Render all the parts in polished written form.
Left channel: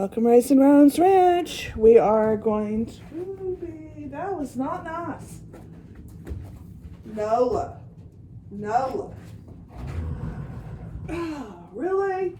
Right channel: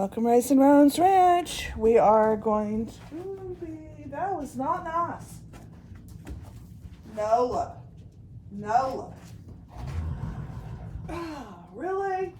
Welcome, Race and Ryan's Ranch. We are going to be, that was not nice. NOLA. NOLA. Oh, really?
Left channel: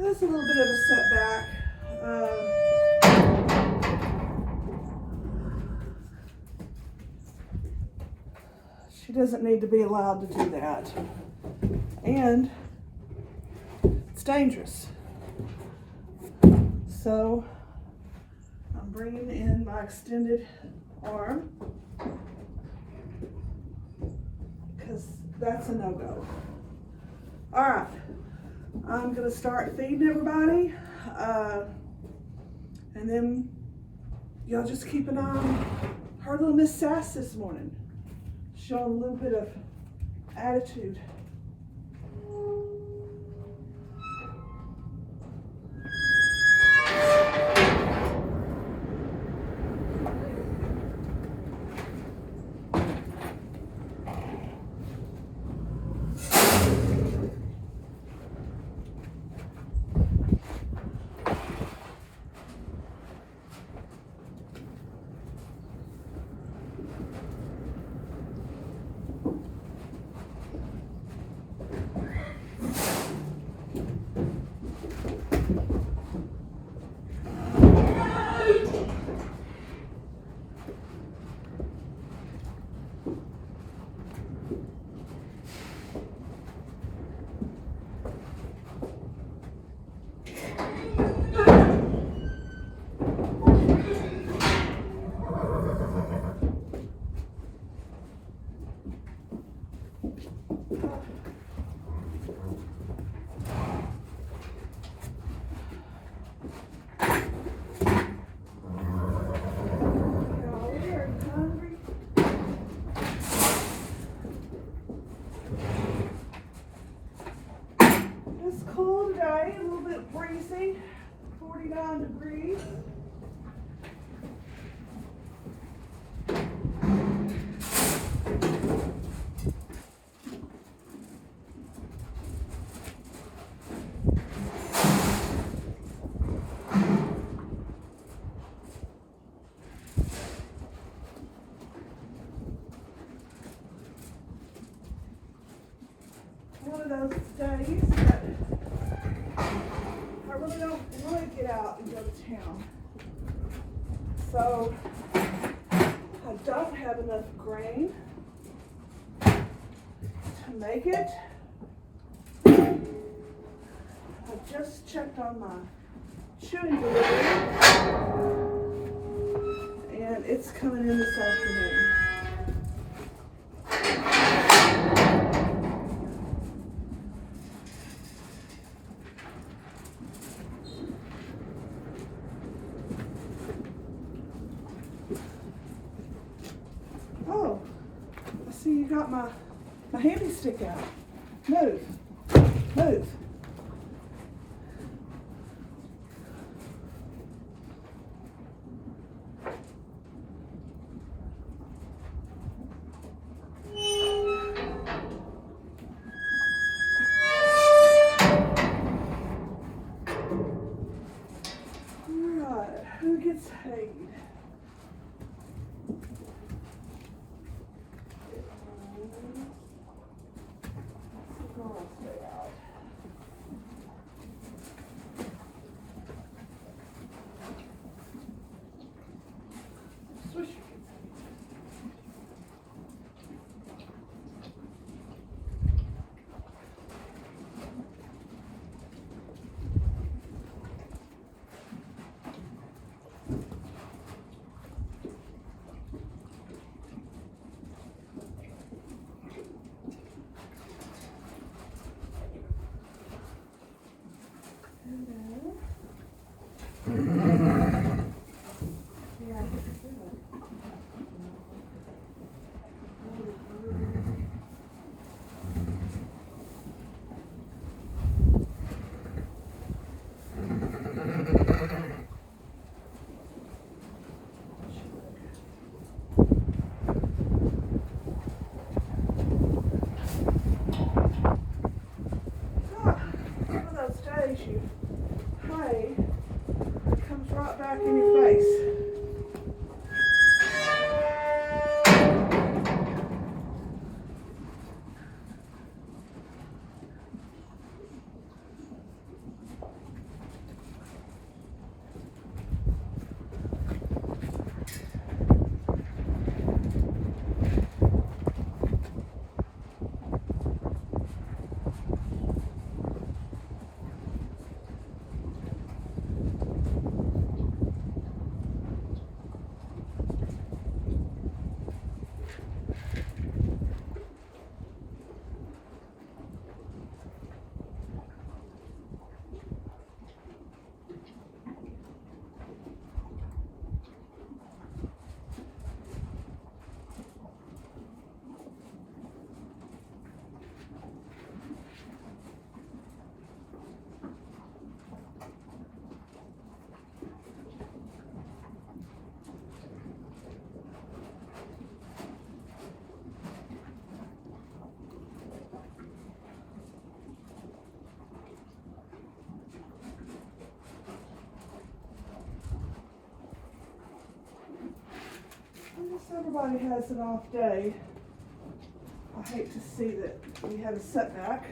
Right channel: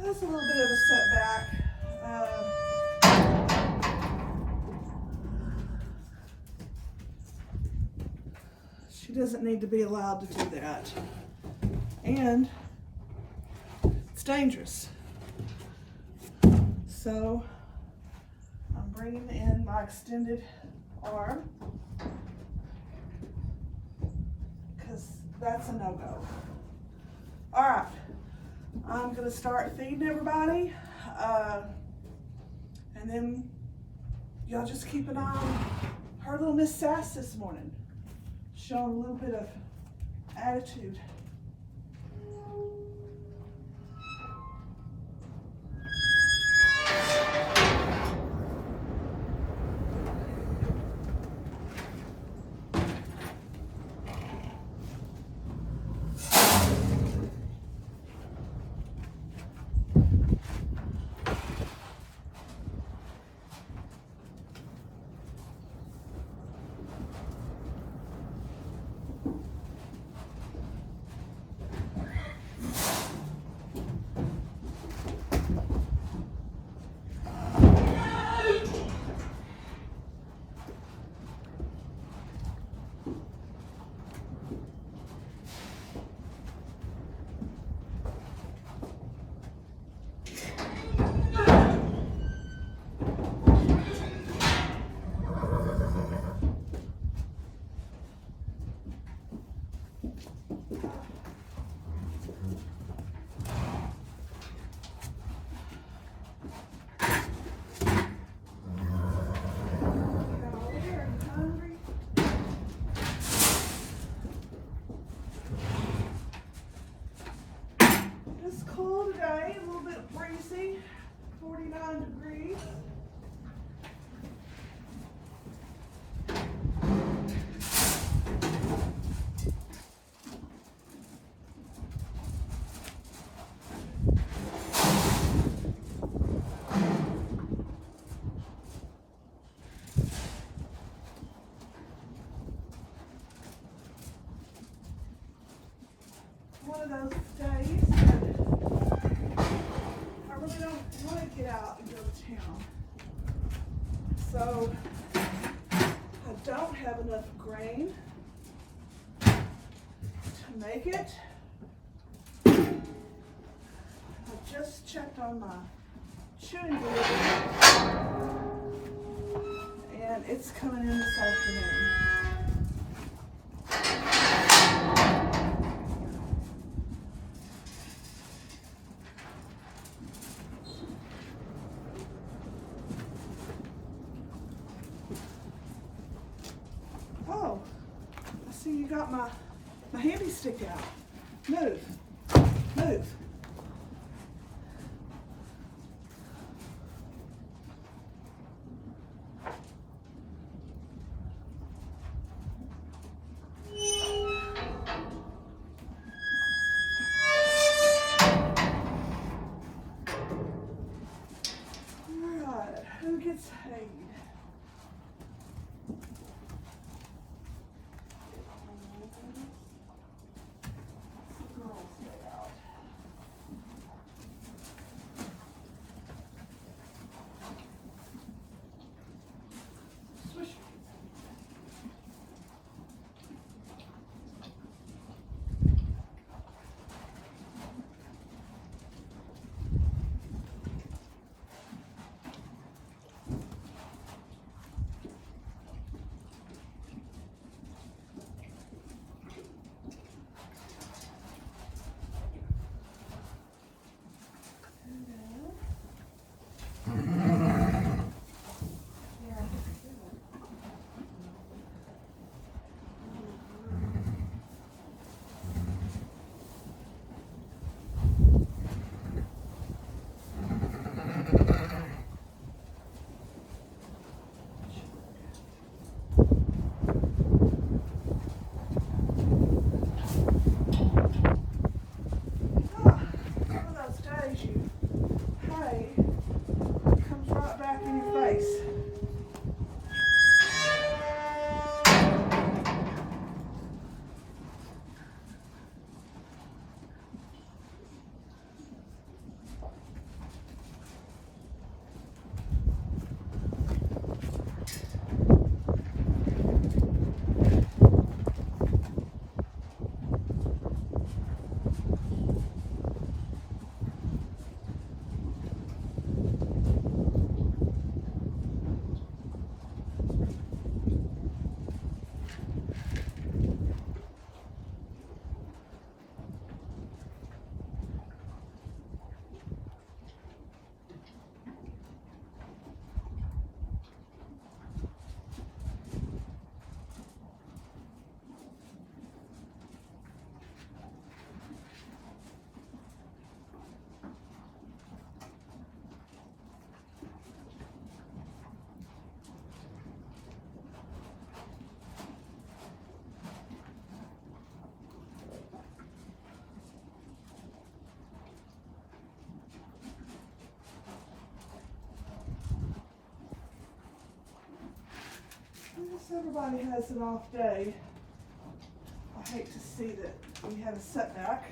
That's a little bit of a setback. She doesn't need to be allowed to do that. And it's dangerous. So I'm bringing in my extended arm because that's a no-go. All right. I'm gonna start feeding everybody, and then y'all just keep an eye on her little Miss Sass this morning, showing a little bit of attitude. It's cool today, a little bit breezy, 49 degrees. One of those days that I really don't want to get out and go to town. So I don't have enough grain to make it. I just checked on my chewing delivery and it's coming in this afternoon. Oh, I see you got my handy stick out. Move, move. All right, who gets paid? Girls stay out. So everybody has an off day. I hate to see that we have a setback.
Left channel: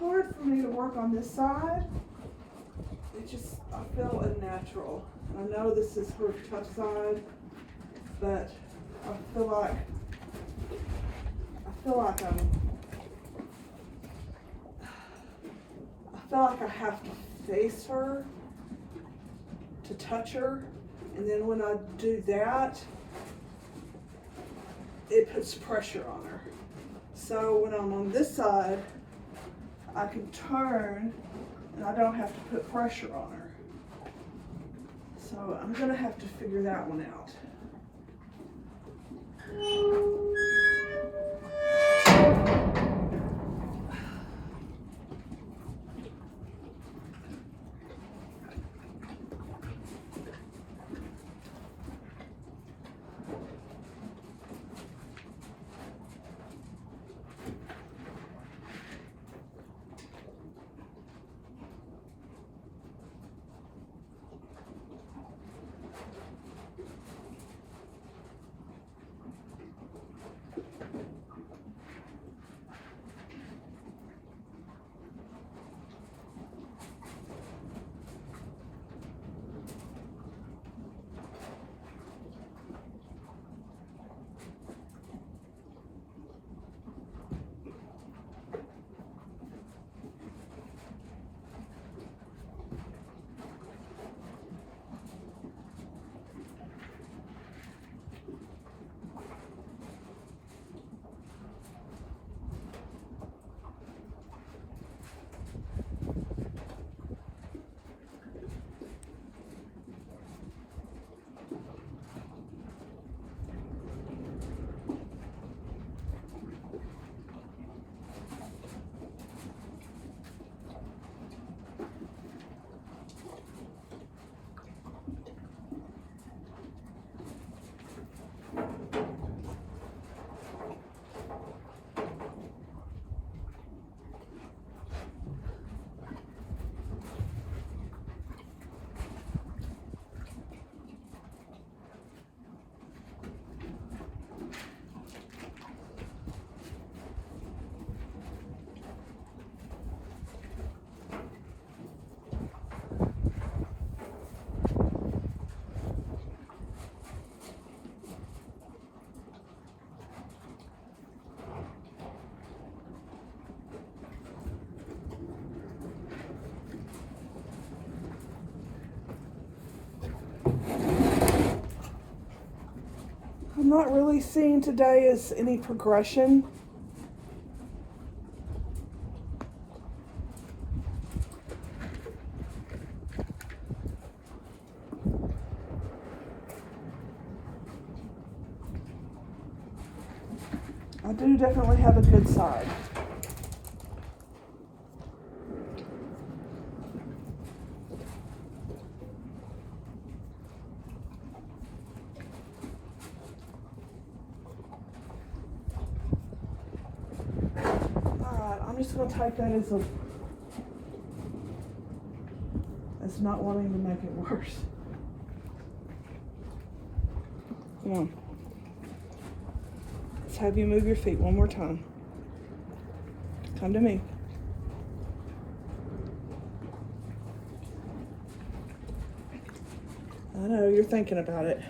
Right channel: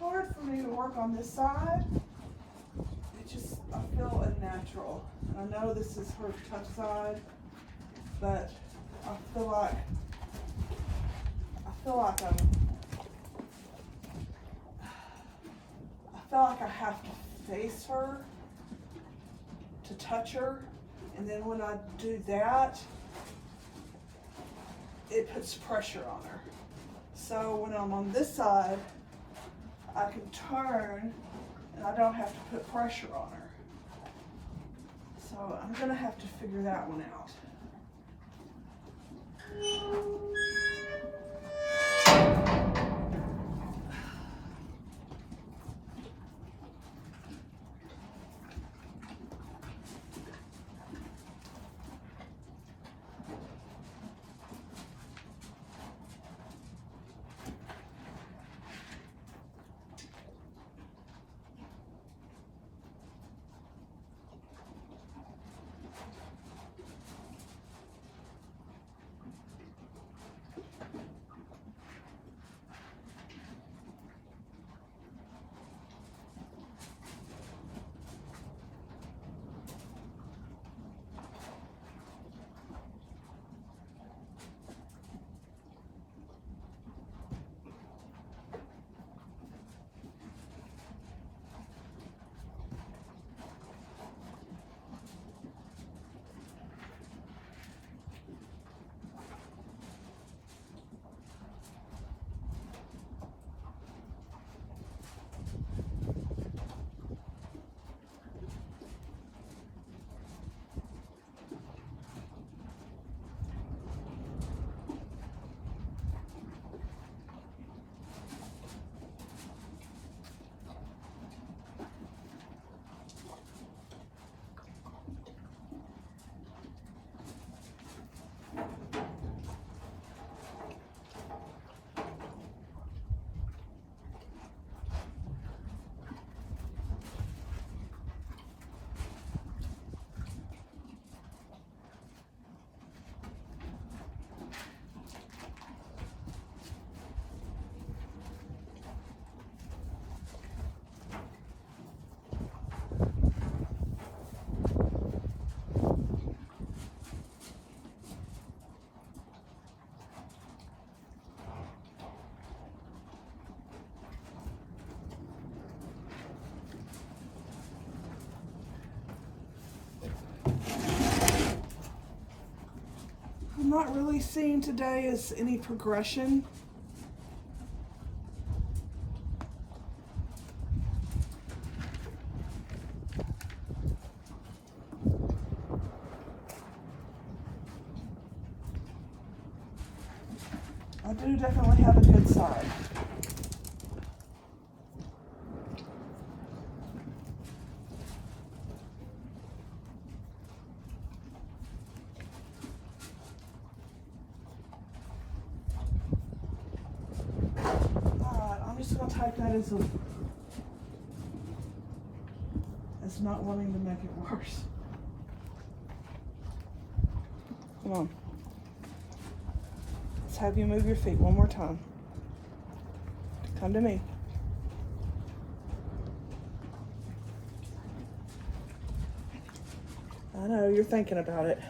Hard for me to work on this side. I feel unnatural. And I know this is her tough side, but I feel like I have to face her to touch her, and then when I do that, it puts pressure on her. So when I'm on this side, I can turn and I don't have to put pressure on her. So I'm gonna have to figure that one out. I'm not really seeing today as any progression. I do definitely have a good side. I'm just going to type that as not wanting to make it worse. Come on. Let's have you move your feet one more time. Come to me. I know, you're thinking about it.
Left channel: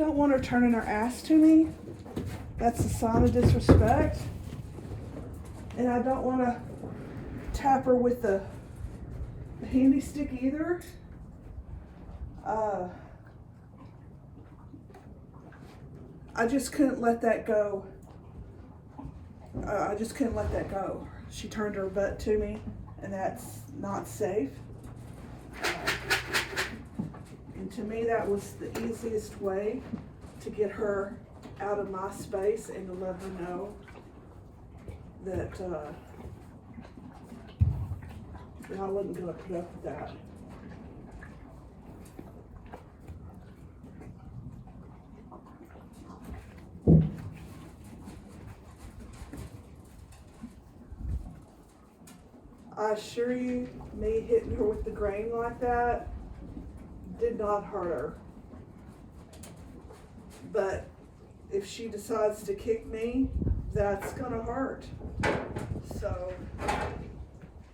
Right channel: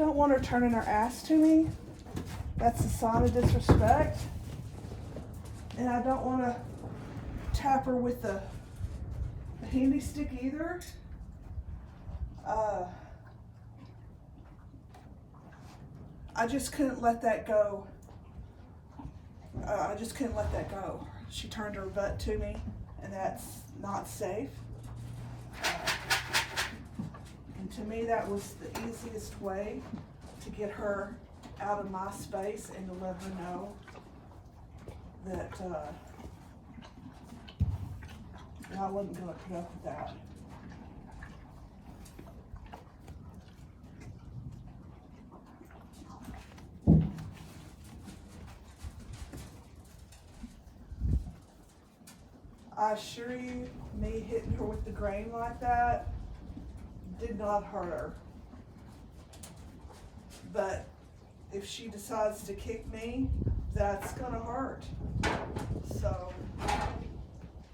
don't want her turning her ass to me. That's a sign of disrespect. And I don't want to tap her with the handy stick either. I just couldn't let that go. She turned her butt to me, and that's not safe. And to me, that was the easiest way to get her out of my space and to let her know that I wasn't going to put up with that. I assure you, me hitting her with the grain like that did not hurt her. But if she decides to kick me, that's gonna hurt. So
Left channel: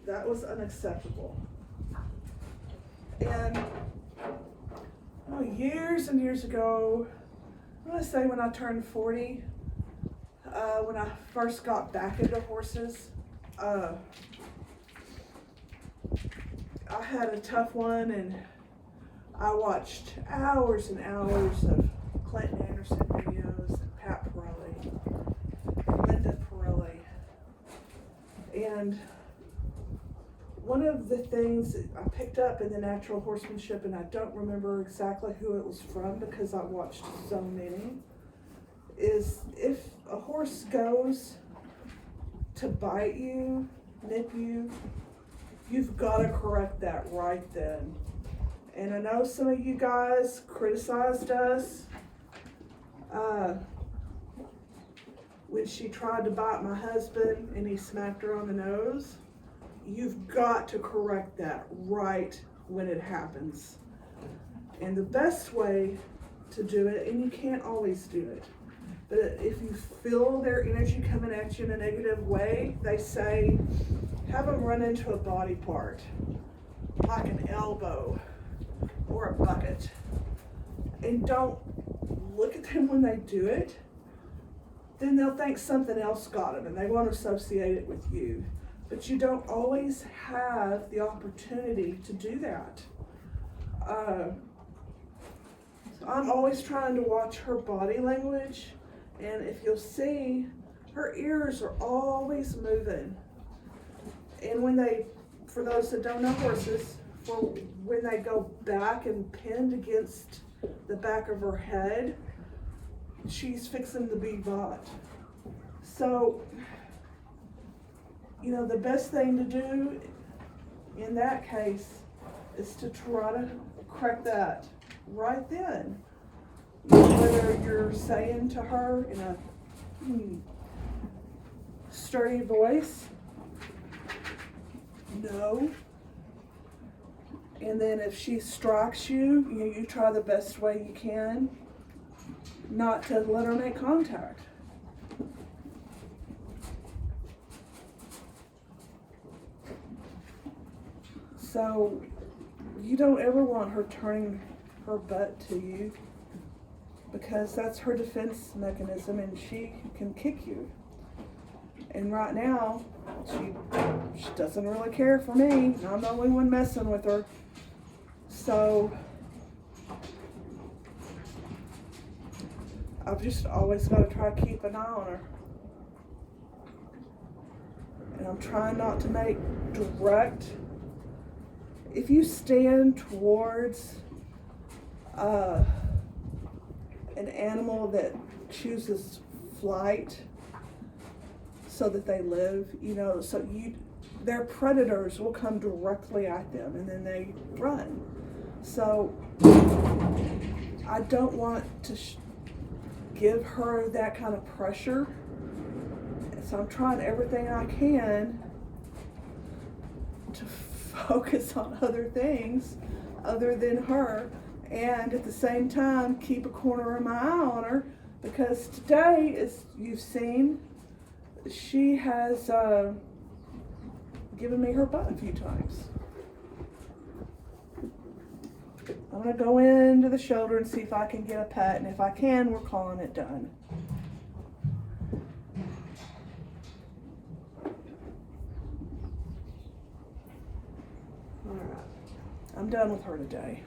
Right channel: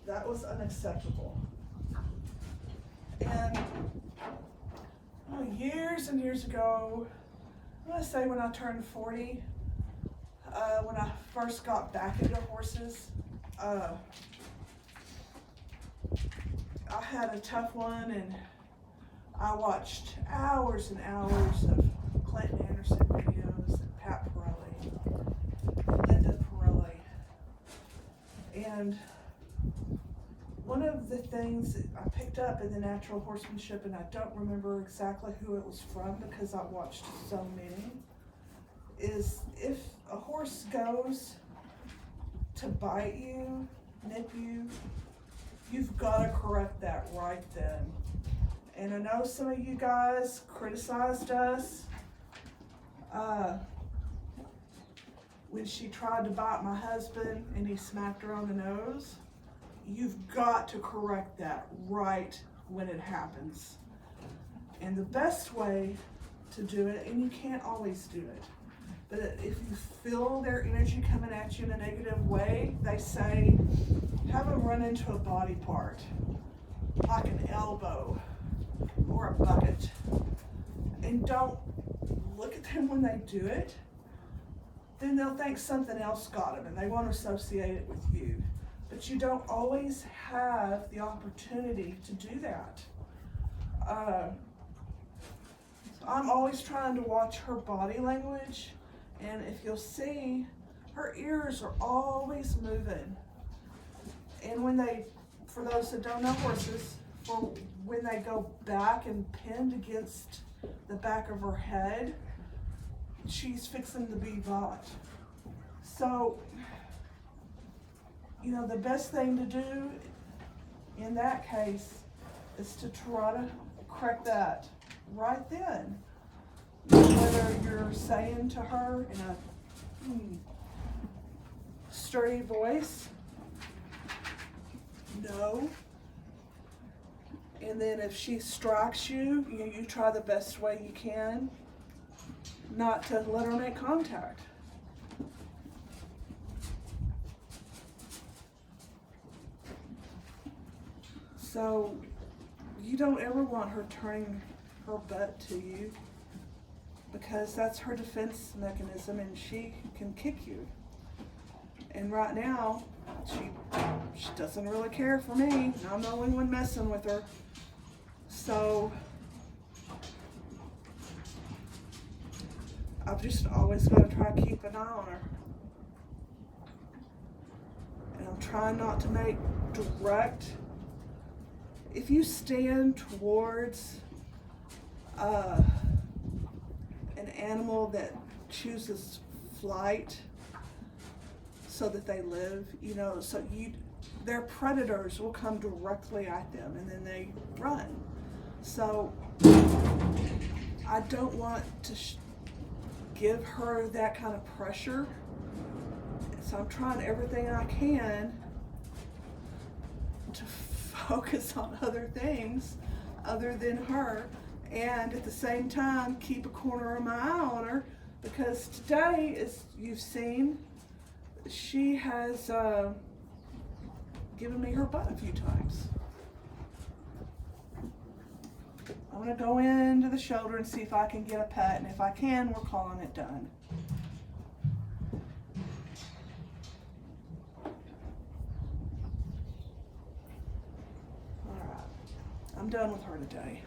that was unacceptable. And years and years ago, I'm gonna say when I turned 40, when I first got back into horses, I had a tough one, and I watched hours and hours of Clinton Anderson videos, and Pat Pirelli, Linda Pirelli. And one of the things that I picked up in the natural horsemanship, and I don't remember exactly who it was from because I watched so many, is if a horse goes to bite you, nip you, you've got to correct that right then. And I know some of you guys criticized us when she tried to bite my husband and he smacked her on the nose. You've got to correct that right when it happens. And the best way to do it, and you can't always do it, but if you feel their energy coming at you in a negative way, they say, have them run into a body part, like an elbow or a bucket. And don't look at them when they do it. Then they'll think something else got them and they won't associate it with you. But you don't always have the opportunity to do that. So I'm always trying to watch her body language. And if you'll see, her ears are always moving. And when they, for those that don't know horses, when they go back and pinned against the back of her head, she's fixing to be bought. So, the best thing to do in that case is to try to correct that right then. Whether you're saying to her in a sturdy voice, no. And then if she strikes you, you try the best way you can not to let her make contact. So you don't ever want her turning her butt to you, because that's her defense mechanism and she can kick you. And right now, she doesn't really care for me. I'm the only one messing with her. So I've just always got to try to keep an eye on her. And I'm trying not to make direct. If you stand towards an animal that chooses flight so that they live, their predators will come directly at them and then they run. So I don't want to give her that kind of pressure. So I'm trying everything I can to focus on other things other than her, and at the same time keep a corner of my eye on her, because today, as you've seen, she has given me her butt a few times. I don't gonna go into the shoulder and see if I can get a pet, and if I can, we're calling it done. Alright, I'm done with her today.